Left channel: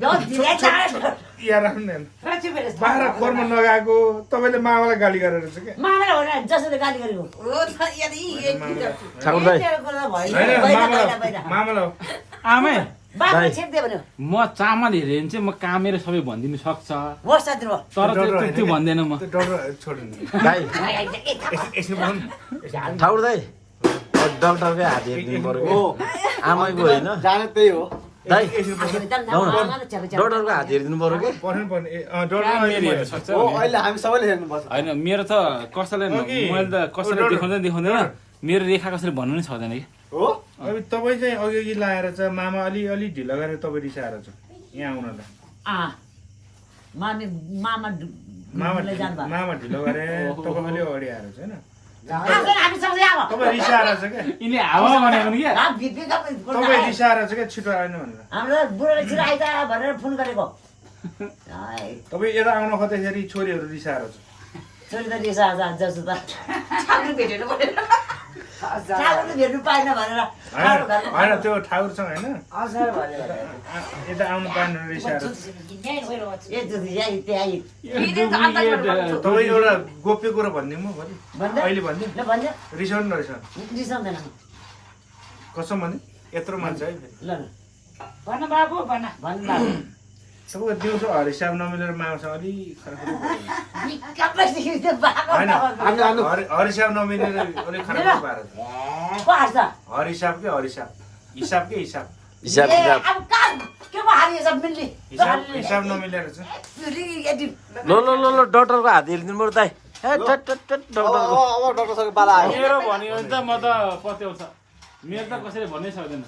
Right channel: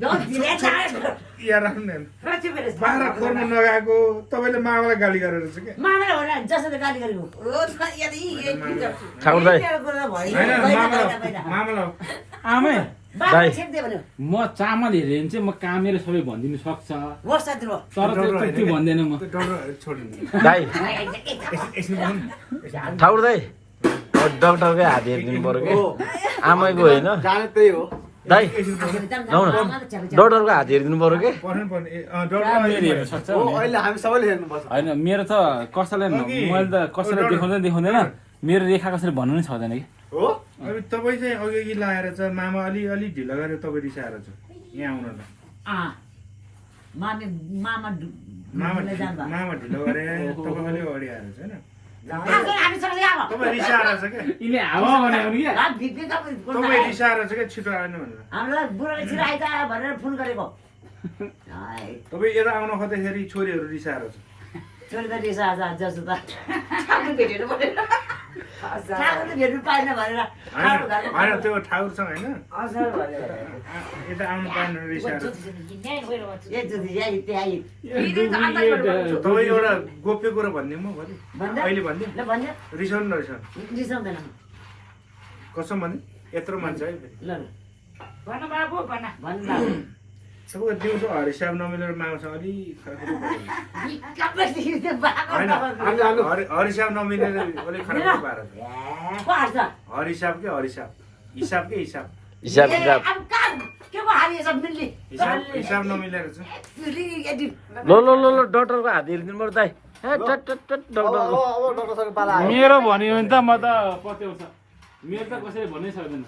यहाँ राख्नु न बाख्रा खोरमा नगएको तपाईँले मामालाई गाली गरेर चाहिँ के मामालाई हो जसले गाली गरेको ठाकुर दाइ मामालाई आमै बाबा छेक्दे भन्यो म चामल हेऱ्यो भने चाहिँ म कामेर सबै भनिदिनु सक्छ वर्ष दिनु तर त्यो भन्दैन म डर छोड्नु दाइ एकछिन बस्नु ठाकुर दाइ डक्टरकै हात हेरिदिनु पर्यो कि आमैको होइन जाने त्यही हो दाइ डक्टरको हात हेरिदिनु पर्यो कि पर्नु पर्ने कामेर हेर्न सक्छ हो अहिले हामी सबैले हेर्नुपर्छ होइन मेरो त कसैलाई मैले त कसैलाई देखाउँदैन मेरो रेखा कसरी भन्नु नै सक्दैन कि हो अब तपाईँ चाहिँ अघि लाएर चाहिँ मामा अलि ढिलो गरेर तपाईँ रिसाएर छ यहाँ आउन त मामी मामा मामा ढिलो गरे तपाईँ अलि अगाडि आएर छ होइन हामी सँगै आऊ तपाईँ रिसाएर छ क्या यिनी हावा भनेको नि क्या तपाईँ रिसाएर छ क्या छिटो आउनु भनेर हामीलाई बुढोले छिटो आइता भनेर फोन गरेको तपाईँ यता आउन खोज्दाखेरि छोरीहरू रिसाएर छ छोरी त रिसा जस्तो त ठाकुर त भेट्नु पाएन भनेर होइन त्यो ठाकुरसँग होइन यता आउनु पाएन रिसाएर तपाईँ एउटा गोप्य कुरो भनिदिउँ म भोलि अहिले भनिदिउँ रिसाउनु नरिसाउनु रिसाउँदैन कसम भने यत्रो मान्छे है ल भन बाबु भन सबैको दिउँसो हरिसाब नमिलेर माउसँग अलिक हरिसाब नमिलेर अलिक खाना पाएर हरिसाब के हरिसाब हिसाब के हिसाब हिसाब किताब हिसाब नमिलेर चाहिँ ल डक्टरको हात हेरिदिनु पर्यो दाइ हे टट डक्टरको अब डक्टरसँग पाला आयो मेरो भन्यो भने त म त पत्याउँछ मेरो त कसैले भन्नै सक्दैन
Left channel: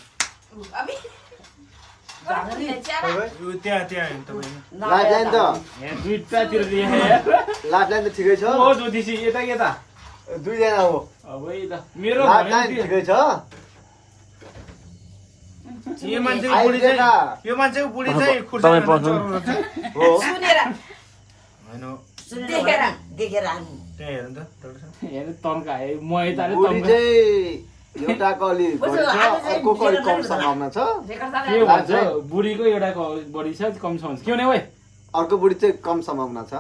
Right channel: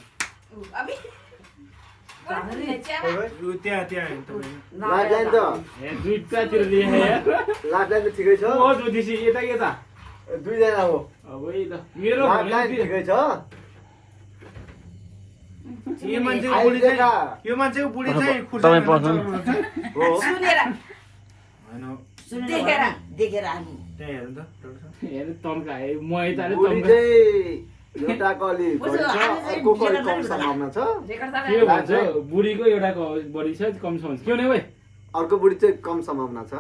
त्यहाँ होइन तपाईँ लाइफ लाइन त दुईटातिर दिए लाइफ लाइन त ठिकै छ ओ ज्योतिषी यता यता दुईजना हो अब है ल मेरो लाइफ भन्यो लाइन नि ठिकै छ यो मान्छेको बुढी चाहिँ तपाईँ पस्नु हो सुनेर होइन देखेर हामी त्यहाँ हेर्नु त हेर तन्काए म यताले बुढी तन्का चाहिँ एउटाको अलि बढी छ अर्कोको अलि कम सम्भावना छ के भन्छ बुढीको एउटाको बढी छ कम छ भन्छ के हुने ओइ अर्को बुढी चाहिँ कम सम्भावना छ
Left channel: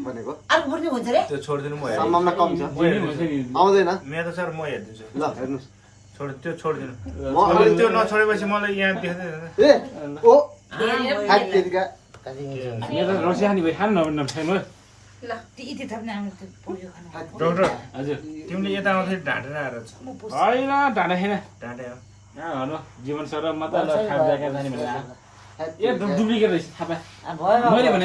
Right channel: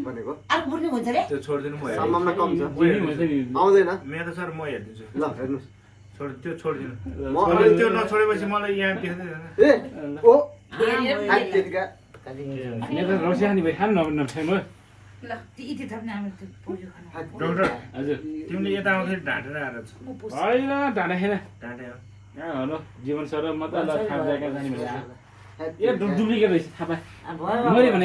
भनेको अर्को बुढ्ने हुन्छ रे त्यो छोडिदिनु म हेर्छु सम्भावना कम छ बुढी हुन्छ नि आउँदैन मेरो त सर म हेरिदिन्छु ल हेर्नुहोस् त्यो छोडिदिनु म त्यो नछोडेपछि मलाई यहाँ देख्दैन ए ओ ह्याक त्यतिका मेरो त रसिया खाने भाइ खानु नखाइ म ल यति थप्ने हाम्रो त्यो पोल्यो खाना डक्टर हजुर तिमीले यता आउँदाखेरि ढाँटेर आएर छ होइन ढाँडा खेन ढाँटे हेलो जीवन सर म त ल खाजा जाने भनेर ए डुप्लिकेट रहेछ थाहा पाएँ भयो मैले भने